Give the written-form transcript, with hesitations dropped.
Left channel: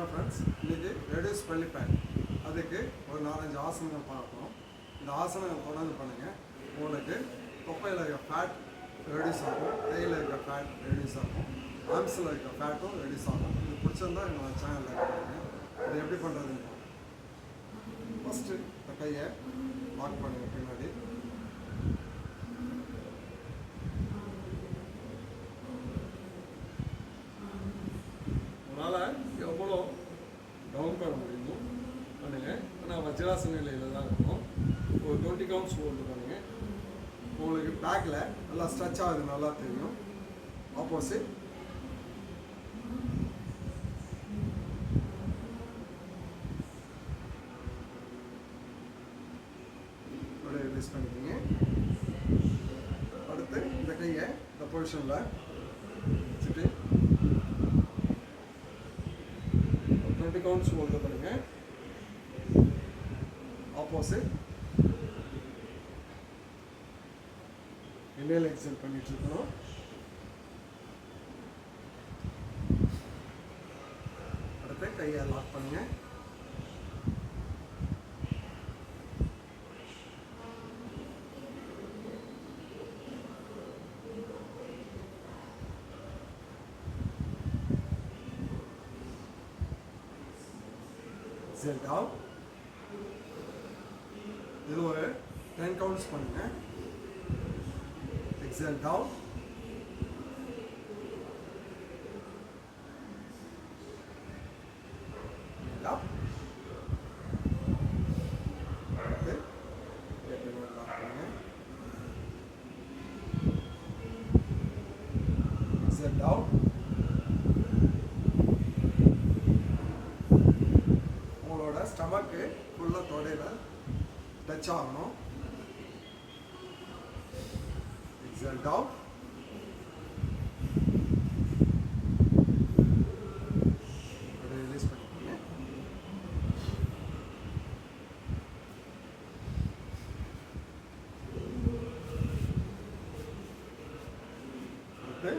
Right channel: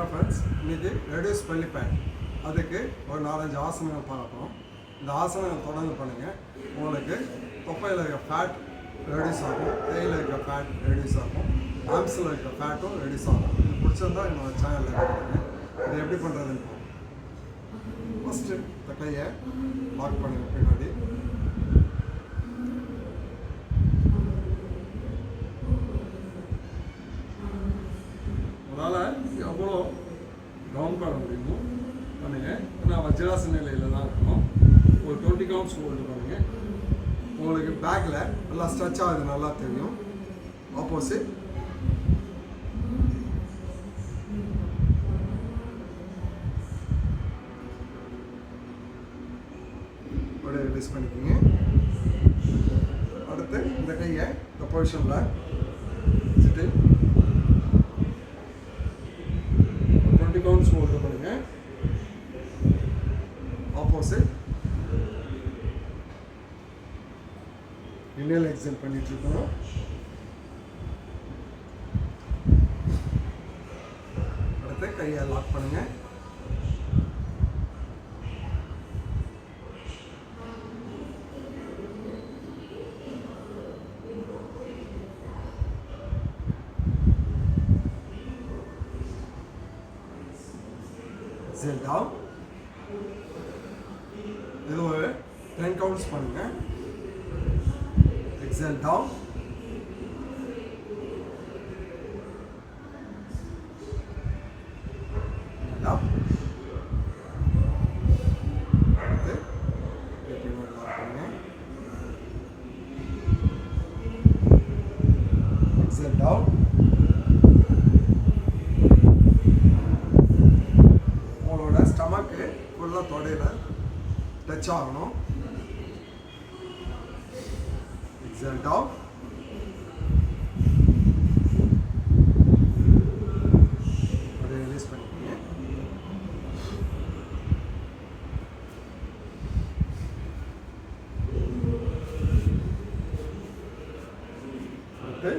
என்ன ஃப்ரெண்ட்ஸ், இன்றைக்கி reduce belly fat அதுக்கு ஒரு 4-5 ஆசனங்கள் பார்க்கணும். இந்த ஆசனங்கள் தொடர்ந்து பண்ணுங்கள். உங்களுக்கு தொப்பையில் இருக்க ஃபேட் ரெடியூஸ் ஆகும், கையில் இருக்க ஃபேட் ரெடியூஸ் ஆகும், ஆர்ம்ஸில் இருக்க ஃபேட்டும் ரெடியூஸ் ஆகும். இது பிடிச்சிருந்தா என்னோட சேனலில் இருக்குங்க. இது எப்படி பண்ணுறதுன்னு பார்ப்போம். ஃபஸ்ட்டு இந்த கையை லாக் பண்ணுங்கள் பின்னாடி. உங்களால் எவ்வளோ டவுன் பண்ண முடியுமோ பண்ணுங்கள். நான் வஜ்ராசன நிலையில் தான் இருக்கணும். ஒரு 20 கவுண்ட்ஸ் ஹோல்டு பண்ணுங்கள். உங்களுக்கு பேக்கில் நல்லா ஸ்ட்ரெச் ஆகுது, நல்லா தெரியும். ஆப்போசிட் அப்படியே ரிலீஸ் பண்ணிக்கிங்க. அடுத்து இந்த கையை இந்த பொசிஷனில் வச்சுட்டு 20 கவுண்ட்ஸ் ஹோல்டு பண்ணுங்கள். ஆப்போசிட் இன்ஹேல் எக்ஸேல் பண்ணிட்டு இருக்கணும். அடுத்து கையை லாக் பண்ணுங்க. Exhale down. இது ஒரு 10 கவுண்ட்ஸ் பண்ணுங்க. Exhale down. And up. Okay. Exhale down. உங்களோட ஸ்டமக்கு ஃபுல்லாக தொடையில் டச் ஆகணும். Exhale down. Release பண்ணிக்கோங்க. அடுத்து